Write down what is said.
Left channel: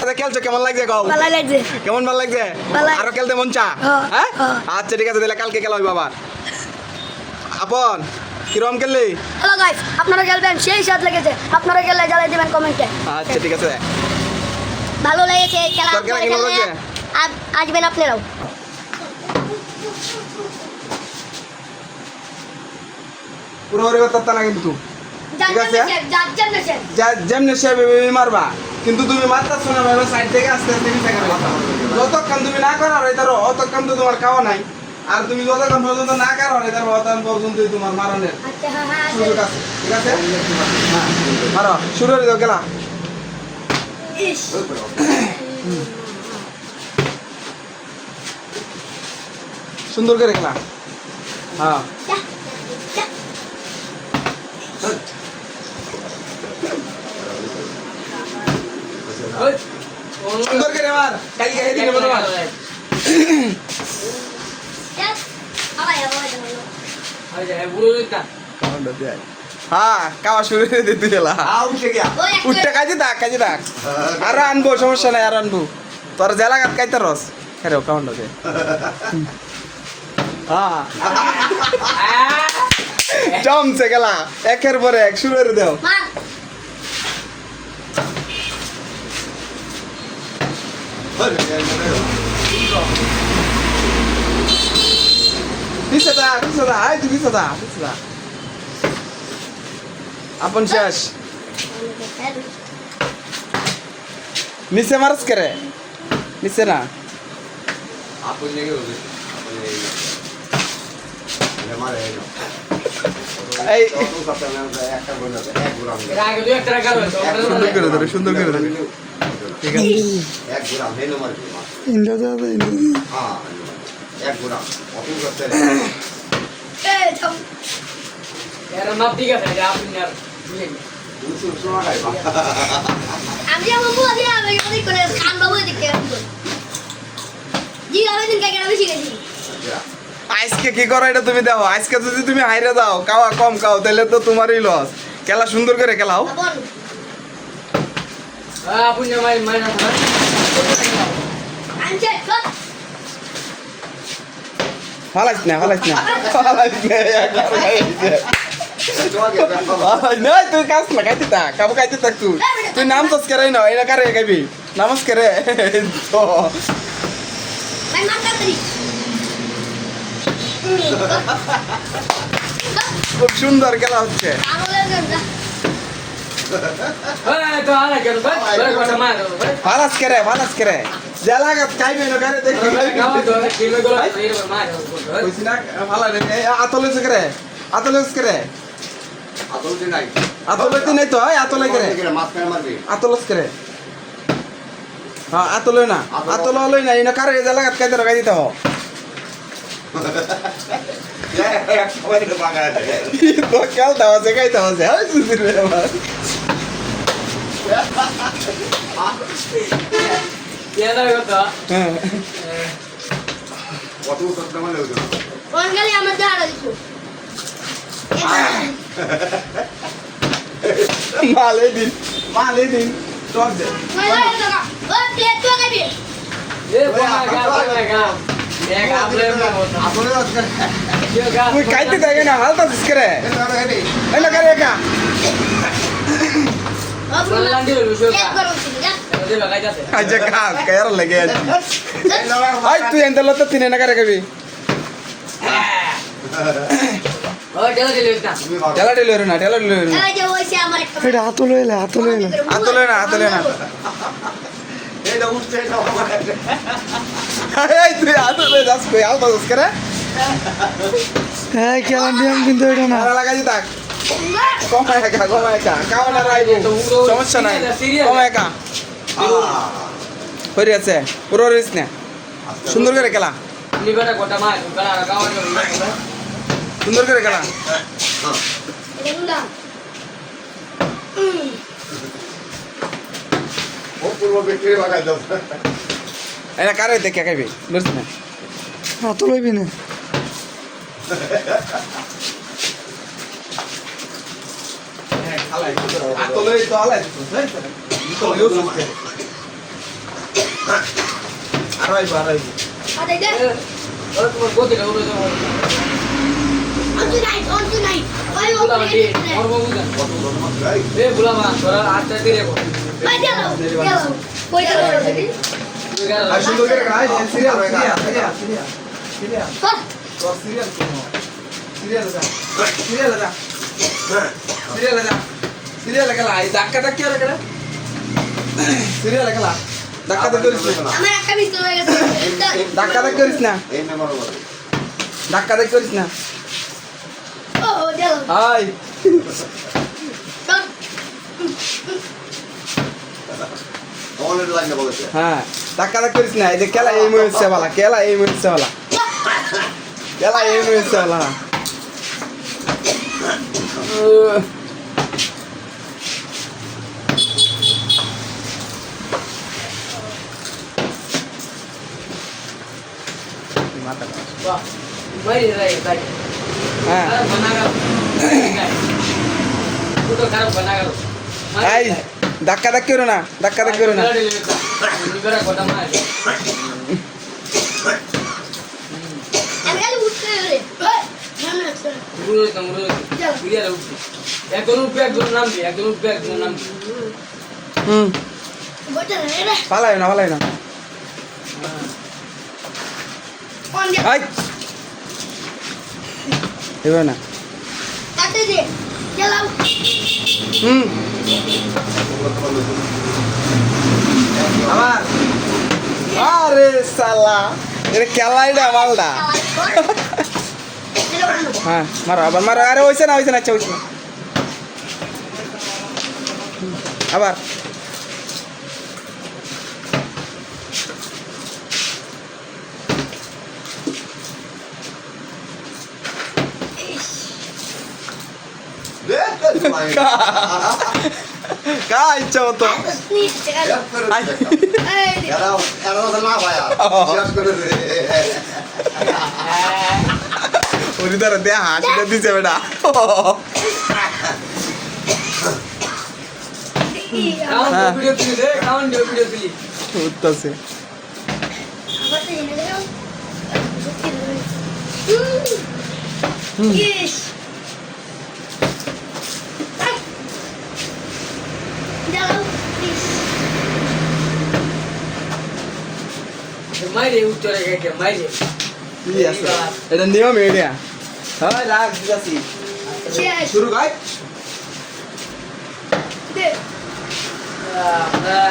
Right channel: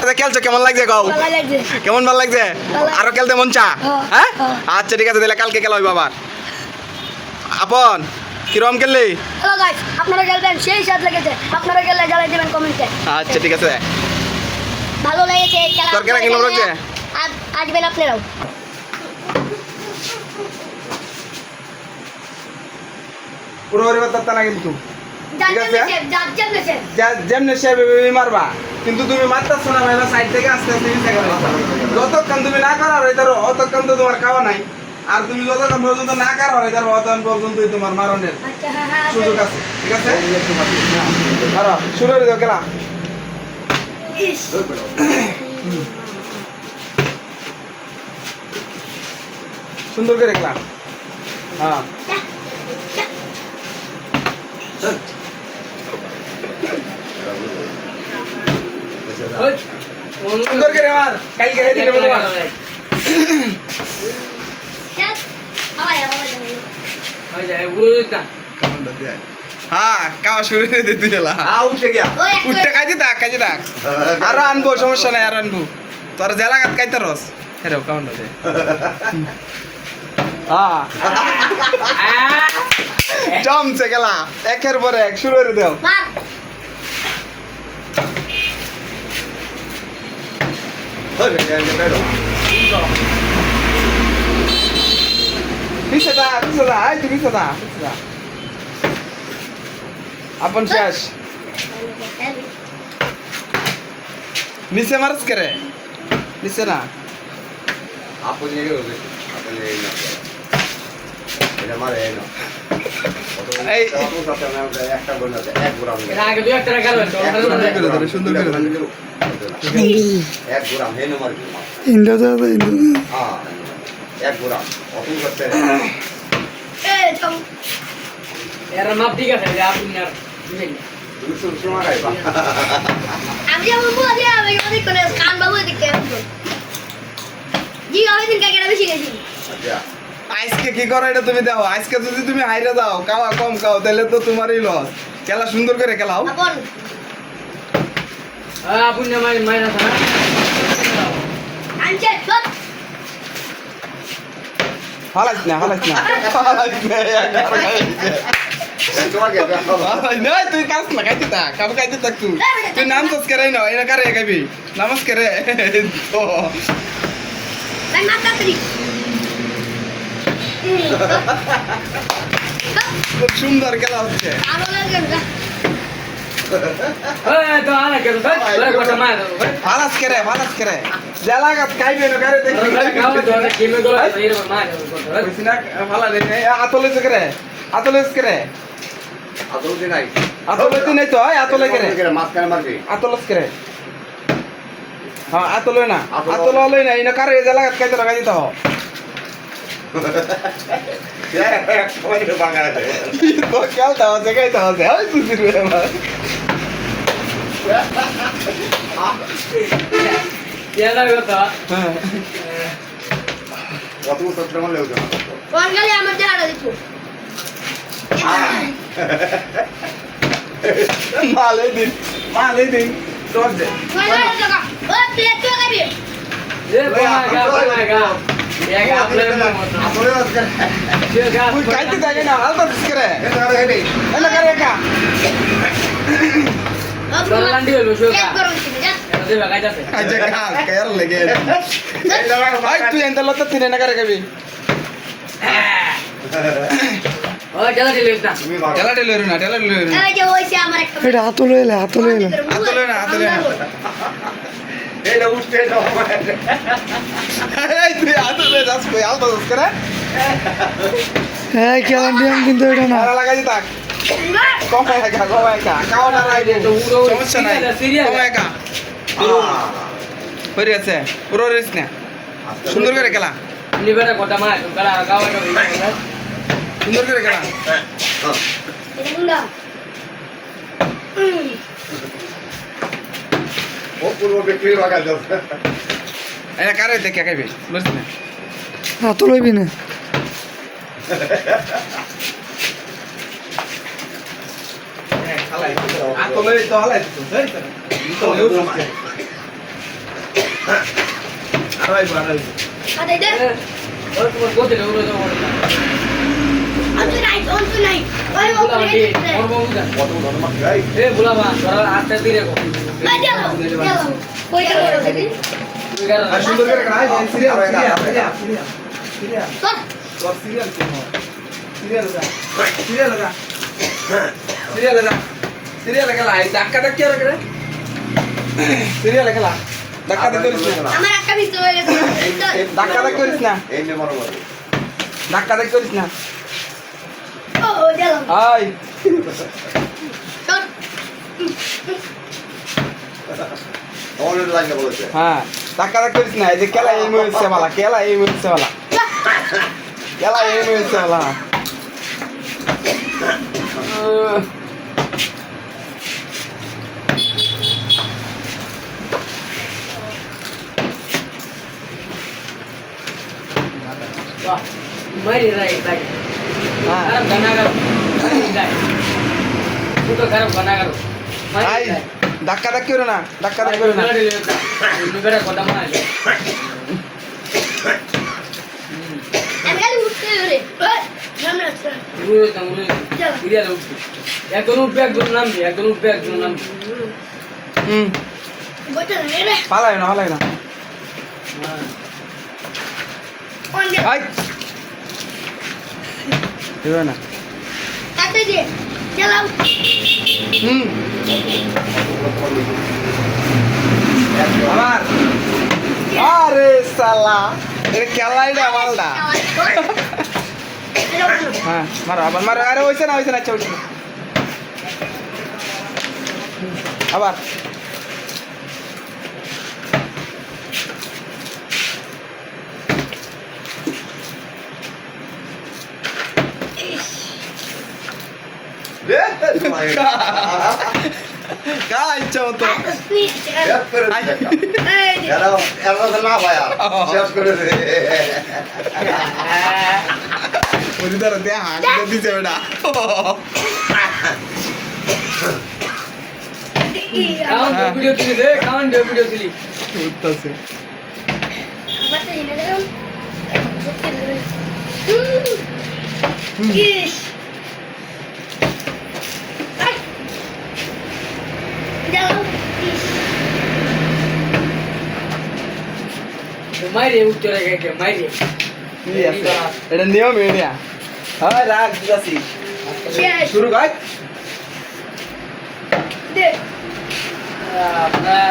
আচ্ছা খেলছো কেমন লাগছে কও? ভালো লাগছে। কেমন ভালো লাগছে? ভালো। আরো খেলতে মন চা? হ্যাঁ, হ্যাঁ হ্যাঁ। আচ্ছা ঠিক আছে তাহলে কালকে খেলা হইব আবার। আপন কিরম খেললি? হ্যালো গাইস, আপনারা খেলবেন সেই স্বাদ লেগেছে। আপনারা খেললে জানাই দিবেন কমেন্টে। আচ্ছা ঠিক আছে। ভালো লেগেছে এই খেলা। তোর কেনা কেমন লাগছে? আসবেন আপনারাও। পুরো ওরে কথা না কিন্তু ঠিক আছে? যেমনি সে মারবা কিন্তু তুমি মারতেছ না মানে সাইড থেকে আস্তে আস্তে নিচে গেলে যতক্ষণ তুমি না করার হইতারো অতক্ষণ তো তোমার খাওয়া নাই আর তুমি যতক্ষণ পর্যন্ত না করার হইতারো অতক্ষণ পর্যন্তই তোমার মারণের আচ্ছা হ্যাঁ হ্যাঁ সুযোগ আছে ঠিক আছে মারো শুরু করে দাও খেলা ইস সুন্দর করে খেলা হ্যাঁ সুন্দর করে মার কাই কাই দিকে বলো মার হ্যাঁ খাওয়া শুরু করে দিতে গেলা উঠতে কাজে থাক আরো আনবো সমস্যা নাই আরো আনবো তোর জেলা কাট খাইতে রস হ্যাঁ কাউন্টা দে হ্যাঁ জমছে গেলা একের পরে এক শুরু করে দেও পিছে দা আয় তুই পিছে দা আপন শেষ নিচে মারস করে নিচে না আপন জায়গায় হবে আপন জায়গায় না এটা মারে না এই একটা গোল আছে এক গোল আছে আগে দুই একটা গেল সুন্দর করে ধরে এক গোল আছে না মারবি ইন্দো দাদা হ্যাঁ এক গোল অফিস করতে এর মাপ ঠিক আছে যে আপনি আর বুঝেন দুশো সময় খাইবা আমি যেমন বলি আমি অনেক করে কান বাবু দেখতে আসবো জি আমি দিন কাকে বেশি গেছি আজকে কি করো এটা তুমি দেখো আজকে যদি তুমি হাইরে দাও খাওয়া কম খাও তাহলে তো তোমারই লস খেলা সুন্দর করে খেলাও আপন আপনি আমার মাইনা থানা আনছে সব ফালাইছ না না তুই কাজ না খাইতে থাক খাবো খাইতে থাক তুই নাম তো করাই না এটা কারে খাইবি নমস্কার তো ভাই মাথা তরি খুব সুন্দর খেলা হচ্ছে তো আনা কেন ভাই তোর কথা মার ভাই ফালাস করে জেলা কাজ খাইবে না কারে দেখি গাও তো কেমন গলা এর মার বুঝছি না ফালা রে আতলেছ করে আদৌ দিন নাই আতলে নাই তো আতলে করে মাঝখানে মারবি আতলস করে হ্যাঁ আতলে না আতলে হলই না ইনা কারে জেলা কাজ খাইতে রাখাই দিতে হবে তো খেলতে আছে খাইতে আছে হয় সুধীর আমার এরা কথা কত সত্য মারলে হতো কোন গলি আমার দেহাড়া দিছো মালে দিন তোর দে কোন গলি টাকা ও প্লেট তো খাবি এ গা এক আপলে আসলে আজকে তুই খাইতে থাকে না হালতা দিস করে এলা করে একা বললান্ডি বসো এক করুন যা দেবা গাইতাছে আচ্ছা কাজ কার লাগে ভাই তুই এন্ড লতা তিনে না করে কবি ও চলা দিলে একটা তুমি মারো ঠেলা ডেলিভারি না এই যে ওইছে আমার একটা এটা হাতলে এলে হাতলে না এটা উঠতে এটা এই তুই হাতলে দাস কই আলতা দিস করে হ্যাঁ খেলার নিয়ম কিন্তু এটা না মারা লাগাই থাক কমায় একা কাওনা রাইবো সমস্যা নাই কমায় একা হয়ে আছে পুরো রেস না সুন্দর করে খেলা নিবেটা কথা মার গলা গাও সুন্দর করে খেলা এটা মুন্ডা ও পূর্ব বিক্রি লাগাই যাচ্ছে এনে কারে দেখে খাইবে বুঝছ না হাতলে বি না আতলে তো হালাই তো আড়াইবো আর এই দেখ ওরা তোমার গতি না ওরা যাবো অন্তু নাই ওই বুলা ওপরে মাটি ওর বউদা কত ধরে মাছ ভাই এ বুলা মা তোরা আটটা দিয়ে কো ভাই গেল কই গেল তুই গেল আর সুন্দর করে খাই সিরিয়াল সিরিয়াল চল তোর সিরিয়াল কোন সিরিয়াল যা সিরিয়াল যা সিরিয়াল যা সিরিয়াল খেলা এই ধাক্কা ধাক্কি আর করে সিরিয়াল খেলা ধাক্কা ধাক্কি করিস না আমার একটা মিস হয়ে গেছে ধাক্কা ধাক্কি করিস না এই নে মারো মারো ধাক্কা ধাক্কি করিস না ও গেল আই চল অনেক লাগে বলেছে হ্যাঁ ধাক্কা ধাক্কি করিস না এই যে খেলা এই মুহূর্তে वाला খেলা এই মুহূর্তে वाला খেলা এই মুহূর্তে वाला वाह मरी रही भाई হ্যাঁ खराब बना कर तू तो खराब बना कर আই ধাক্কা ধাক্কি করো না ধাক্কা ধাক্কি করো না मेरा कोटा मार আমি খালি উঠতে রে ওই সামনে আসছে मुझे तो मुझे इधर उठ एक दोनों पे एक दोनों नाम दिया एक दोनों पे एक दोनों नाम হুম বইটা রে পালাই না কোন দে আই দেবে না কাটে দে চল হুম আমার আরে সালা এর খেলাইডা মালডা হ্যাঁ মারো আবার মারো আরে হইছে না আচ্ছা হইছে আবার কা ইচ্ছা মতো এরা তো না ভাইয়া শেষ করে দে ওই ধরে দে হাসিটা দিছে বেটা काउंट वीडियो चली रे काउंट वीडियो चली উঠতেছে Yes. Jalan. मारे उत्तर के मारे এটা নিয়ম এরিয়া হ্যাঁ রাখ দিতাছি Yes. শুরু গাই Deh. मैं